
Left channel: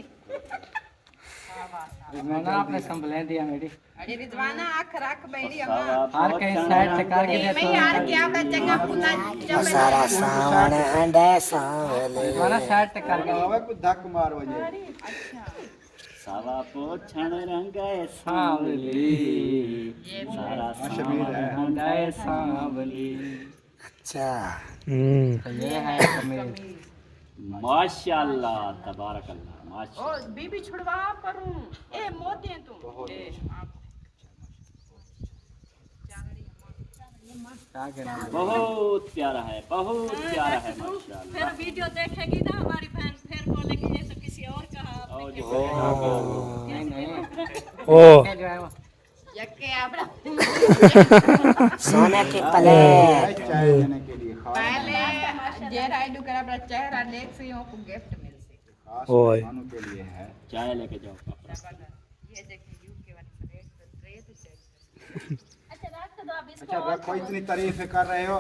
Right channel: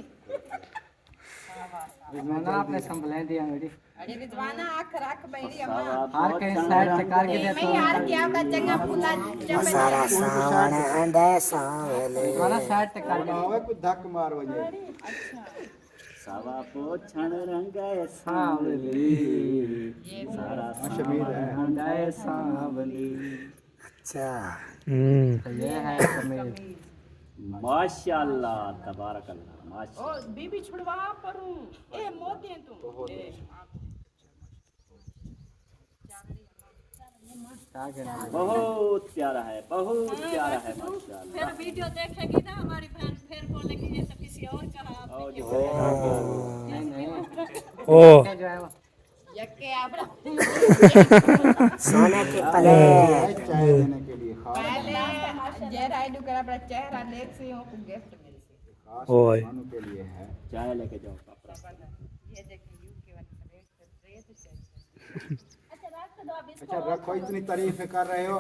रिजवाना आपने संभले दिया मेरी। अरे रिदवाना आंख रख बैठी अम्मा हर कहीं साइड चकार के मैं देते यार क्या बच्चा खुला जब सारा सावन अंडे सांवले माना साइड चकार के आवे कुछ धक मार वजे। सावा पोछण रंग सांवली शबीर है। हृदय सांवली। अच्छा तो ये है समीर। माशाल्लाह तबारकल्लाह माशा ओ बीबी छुड़वा परूं ए मोते तू ए क्या कहना बहुत प्यारा है माशाल्लाह। फिर वीडियो देखेगी ना हमारी बहन फिर बोलेगी ये तो किसी और का है, आपने क्यों नहीं नहीं ओ ये जो है वो यक्के आपड़ा सोने की प्लेट चाय देने के लिए खास पहले जे राइडू करा अपना चेहरा देख से को गिफ्ट मिलसी खास ओए। मेहमानों के लिए है। चाय लेके जाओ। ये देखिए यूके वाली प्लेट पे ट्रे तो चेक अच्छा रख दो आप इसको अच्छा रखो, इतनी तारीफें कर रहे हो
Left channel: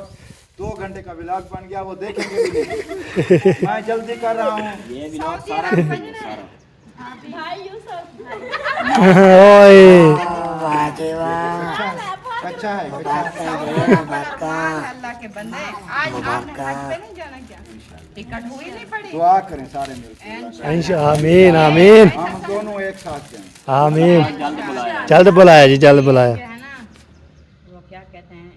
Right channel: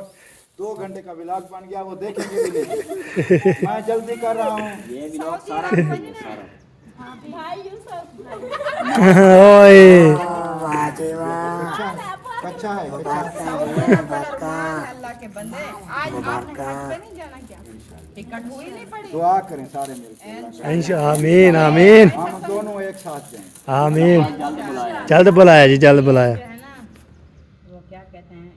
2 घंटे का व्लॉग बन गया, वो देखेंगे भी नहीं। मैं जल्दी कर रहा हूँ। ये भी लोग सारा भाई यूसुफ ओए वाह जी वाह, अच्छा है, अच्छा है। अल्लाह के बंदे, आज आपने हज पे नहीं जाना क्या? टिकट हुई नहीं पड़ी? दुआ करें सारे मिलकर, आमीन आमीन हम दोनों एक साथ जाएं। आमीन। जल्द बुलाया जी, जल्द बुलाया। है ना, वो क्या कहते हैं,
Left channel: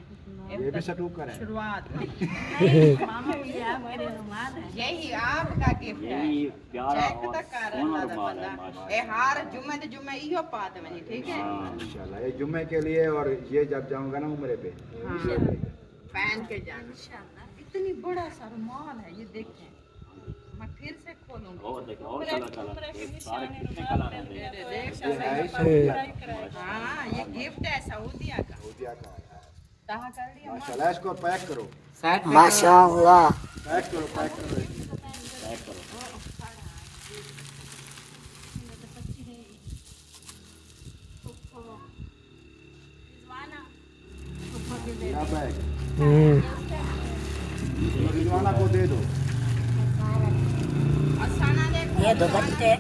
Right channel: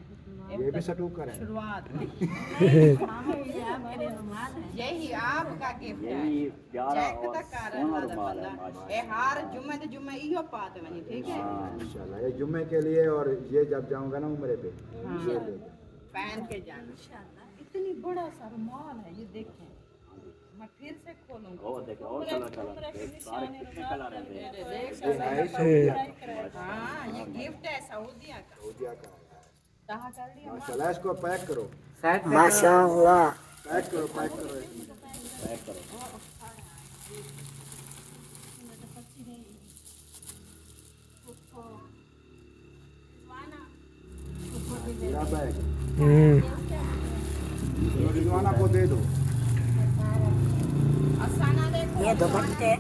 ये भी सटू करें। शुरुआत मामा ये आपके लिए रुमाल है। यही आपका गिफ्ट है। यही प्यारा चेक और तक कर सोना रहा रुमाल है, बंदा माशाअल्लाह। ए हार जुम्मे ते जुम्मे इहो पात वनी, ठीक है? इंशाल्लाह ये जुम्मे के लिए, और ये जब जाऊंगा ना उम्रे पे, पहन के जाना। इतनी बड़ा सा रुमाल है, ये देखें, मैं फिर से खोलूंगी। वो देखो और कलर उम्र के निशाने रुमाल मिलते हैं। हाँ, ये गिफ्ट है सऊदिया का। सऊदिया का है। कहाँ कर लिया? माशाल्लाह, इसको पैक करो, साइड पे माशाअल्लाह। पैक करो, पैक करो। मेरा बैग ये रिजवाना को दे दो। असाना देखो, ये दुपट्टे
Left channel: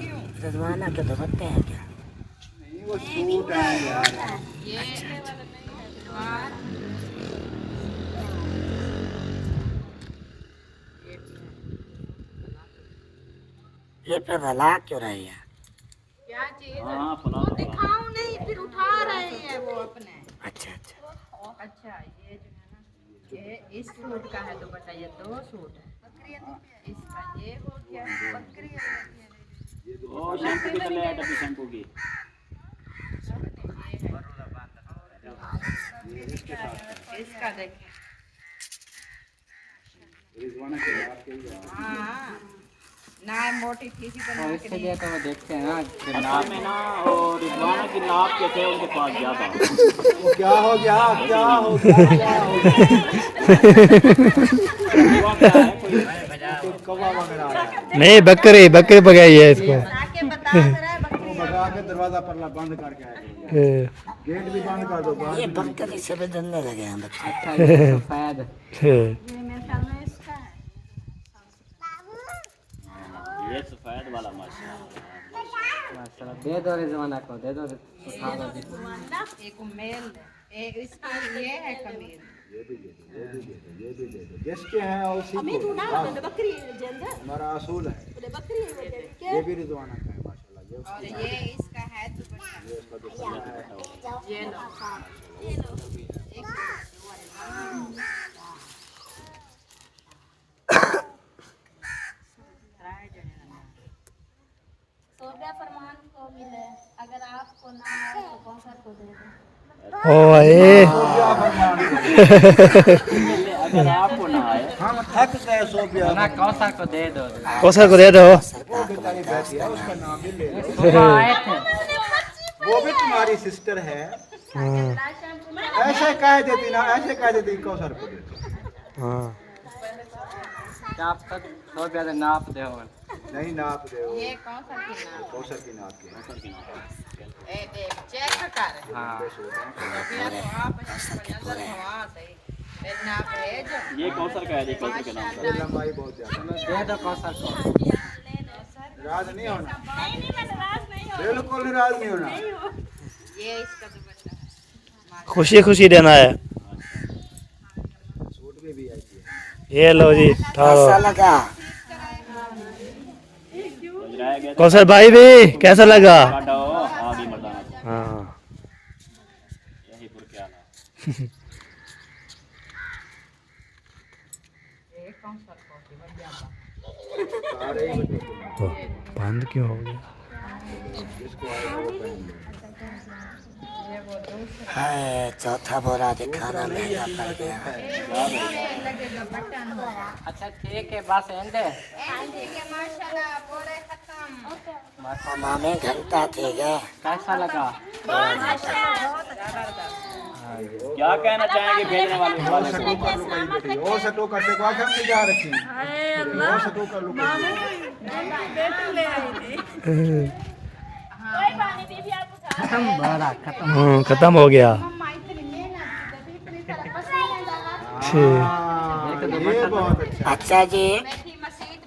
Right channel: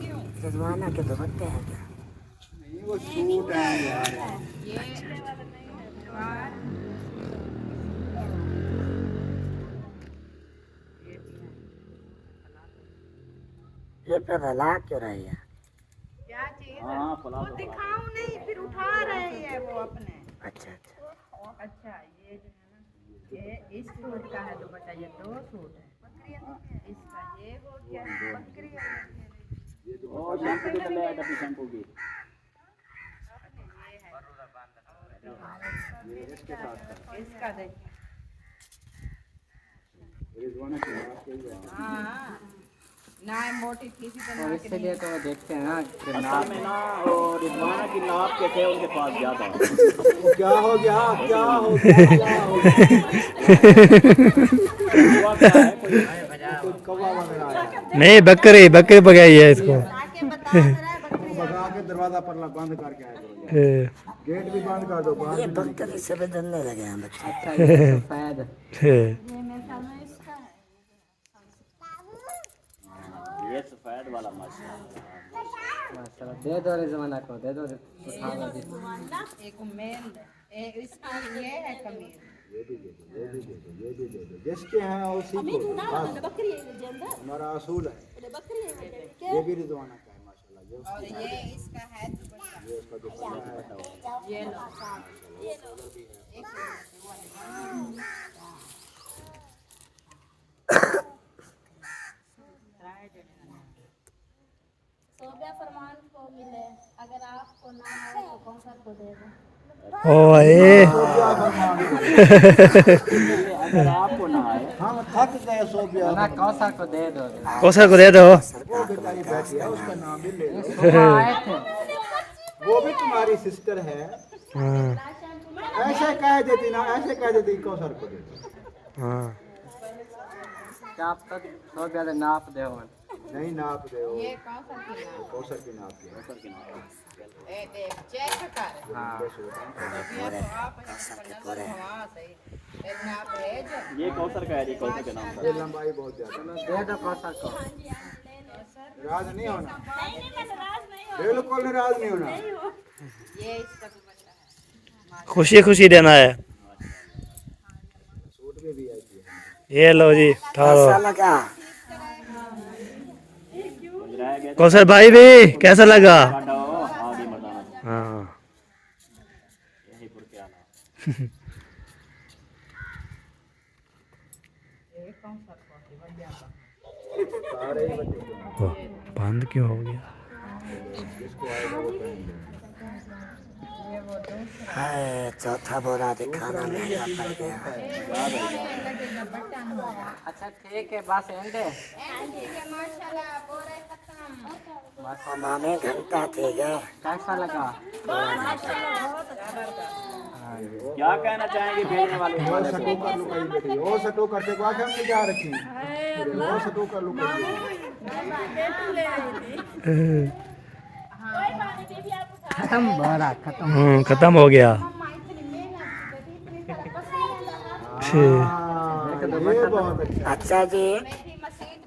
रिजवाना के दुपट्टे हैं क्या? नहीं, वो सूट है यार। ये हाँ, ये पे भला क्यों रही है? क्या चीज? हाँ, फुला वो दिखाऊं नहीं, फिर उठा रहे हैं वो अपने। अच्छा अच्छा, अच्छा, ये जो है ना, ये इस सूट का है दुपट्टा, ये 2 सूट है। इसका ये हो गया बकरी और शैम्पू की कलर है तो शैम्पू की इसका देखिए। रिजवाना के नाप के ही है। हाँ, ना मोटी थी सी बना के इसलिए तो वो देखते हैं ना कि नाप में ना, और रिजवाना की नाप के थे उनके पास ज्यादा। वो क्या हो गया, क्या हो गया, क्या हो गया? कुछ कौवा वगैरह आया। नहीं, बकरी बकरी पकाई है इसको। वो भगा के दरवाजा पर बंद करके आया। गेट भी बंद कर दो, बाहर ये बकरी से भी डरने लगे हैं बच्चे। शायद ये मेरे ख्याल में इसका है। ये सफेद वाला माशाल्लाह। दे दो रिजवाना को, दे दो। एक मेल है, एक इसका ये है कमीज। ये भी दे दो, ये भी दे दो, ये भी दे दो। जिसके हैं उसी को हमारा असूल है। ये भी रिजवाना का है माशाल्लाह। ये और ये इसका है दुपट्टा। ये उसका दुपट्टा है। ये लो, ये लो, एक सोफिया फरमान को मिले, अगर आपको ना आए तो कौसर को दे दो। ओए सोफिया फरमान। अगर आपको ना आए हम थक गए सोफिया। ना कौसा को दे दो। कौशल को दे दो। वो बेचारी बैठी है, उसका नाम भी ले लो। आए थे। वो भी तुम्हारी सिस्टर है। हाँ ऐसे कह देती ना, ऐसे कह देती कौशल को दे दो। हाँ आप तक तो ज्यादा नाप दे हो। नहीं नाप दे, ये कौन सा की नाम? कौशल की नाप के। ए देख, चेक कर। हाँ सोफिया को आप पर नजर भवा दे। ए नाप है जो ये कौसर का है, ये कौसर का नाम। ये लंबाई बहुत ज्यादा दे दो कौसा को। नाराज नहीं होना, बिल्कुल नाराज नहीं होना। ये इसका दुपट्टा है। खुशी खुशी देना है। सूट में भी आई है। ये लो जी, ठारो। कैसा लगा? गुजराया गया कौशल भाई भी कैसा लगा? काटा हो आगे मरदाना हाँ यही पुर के आना। ये कौन सा कॉफी बन जाता? सारे ही बच्चे ओ, बंद क्यों हो गया? ये वो दूसरा हाय, चौथा बोरा दिखाना महंगा पड़ गया। लगे दुपट्टा ना। अच्छा ठीक है, बस एंड है। ठीक है, माशाल्लाह, बोरे खत्म। मामी घंटा थे क्या? कैसा लगा? क्या कहना चाहेंगे भेजने वाले और सटो कर लो कहीं बैठी, और सटो करते को आखिर से जा रखी। और सटो कर लो कहीं। खत्म हो गया। मम्मा इतनी मेहनत की, तभी इतनी सारा पसीना लगा। ठीक। हाँ, ये बहुत अच्छा अच्छा जी,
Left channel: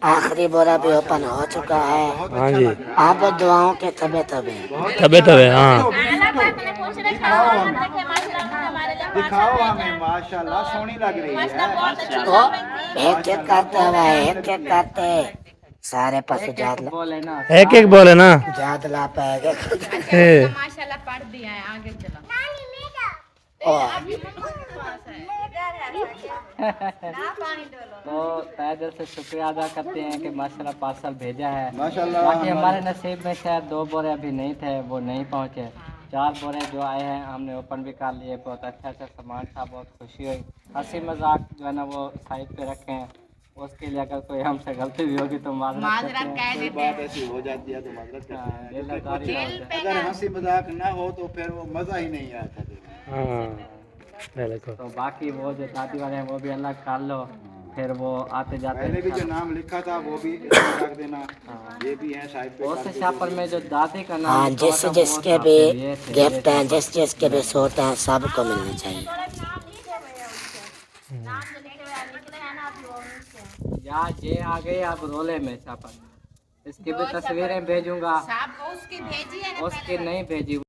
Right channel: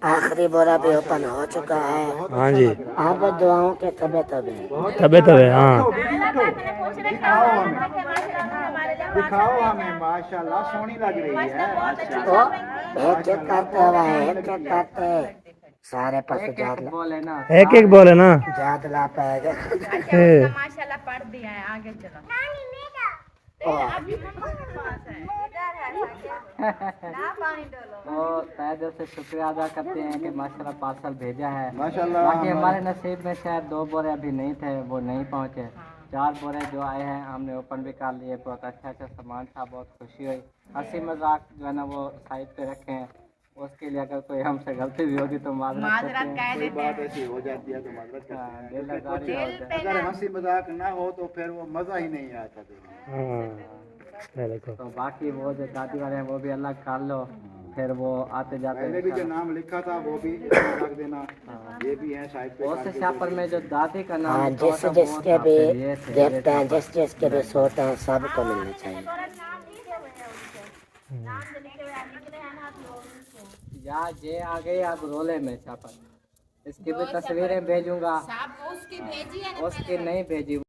आखिरी बोरा भी ओपन हो चुका है। हाँ जी, आप दुआओं के तबे तबे। तबे तबे हाँ। दिखाओ हमें, माशाल्लाह सोनी लग रही है। एक एक करते हुए, एक एक करते सारे पशु जात बोले ना एक एक बोले ना। जात ला पाएगा। माशाल्लाह पढ़ दिया है, आगे चलो। अभी मम्मा के पास है। तो तहे दिल से शुक्रिया अदा करते हैं कि माशाल्लाह पार्सल भेजा है। माशाल्लाह बाकी हमारे नसीब में शायद 2 बोरे अभी नहीं थे, वो नहीं पहुँचे। 4 बोरे जो आए हैं हमने ओपन भी कर लिए। बहुत अच्छा सामान था, बहुत खुशी हुई। हंसी मजाक जो है ना वो साइड पे रखे हैं। उसके लिए अगर कोई हमसे गलती भी होगी तो माजरत कह देते बात हैं। ऐसी हो जाती है तो मदद करते हैं। दिलदारी दिल पे अगर हंसी मजाक ना हो तो फिर वो मजा ही नहीं आता देखने में। हाँ देखो, तो बाकी वो जो दादी वाले हैं वो भी अलग कर लो, फिर वो आते जाते पहले भी जो नाम लिखा था वो भी इसमें रख देना। ये भी है साइड पे। उस शापर में जो दादी का नाम हाँ, लिखा जिस था, वो जिसके था, भी फिर ये थे, गिफ्ट हैं, जिस जिसके भी सूट हैं, सबको मिलनी चाहिए। या जे आ गए अब रोले में शापर। इसकी भी तस्वीरें भेजूंगा, साहब को उसकी भेजी है ना उसकी नहीं भेजी।